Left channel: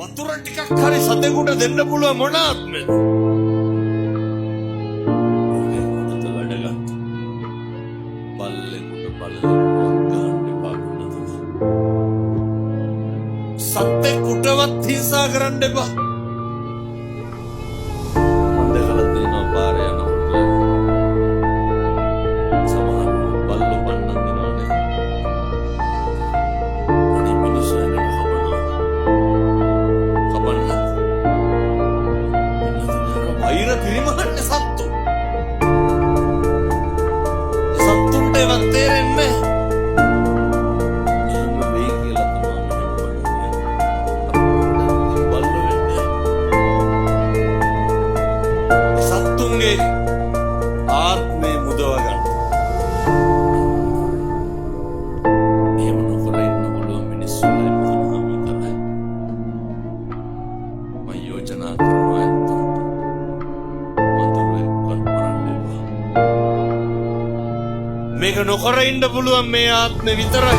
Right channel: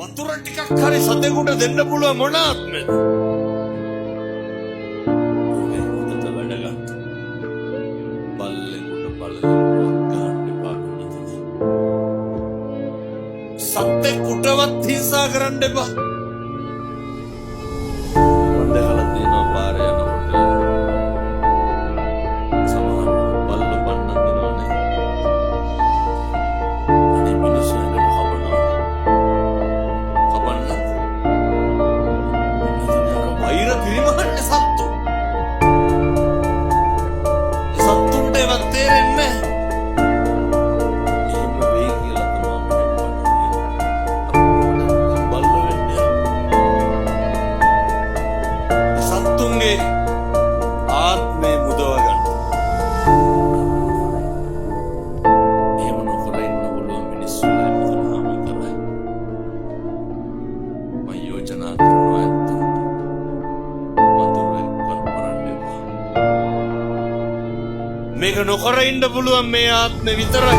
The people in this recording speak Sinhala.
වතුර ටිකක් හරි සතෙකුට දෙන්න පුළුවන් මොන ආත්මෙද? ඔගේ හොඳට වැඩ ගන්න. බල්ලෙකුට ගන්න එපා කුණතද. සතෙකුටවත් හිංසා කරන්න එපා. මම දැකලා තියෙනවා පාරේ යනකොට සමහර බල්ලෝ පන්නන් දෙනවනේ. අනේ මිනිස්සු එකට වෛර පිරිමහන්නේ සත්තු. සත්තුන්ට ඒවත් තේරෙන්නේ නැහැ. එහෙම වෙයි කියලා තමයි මෙහෙම බලන්නේ. අපිට බල්ලෝ වෙන්නේ. සත්තුන්ගේ ආත්මේ මුදව ගන්න. එහෙම නොකර ඉන්න පුළුවන් මිනිස්සුලා ඉන්නවම කරයි. මම යෝජනා කරනවා මේක නොකර ඉන්න පුළුවන් මේ ආත්මෙ විතරයි.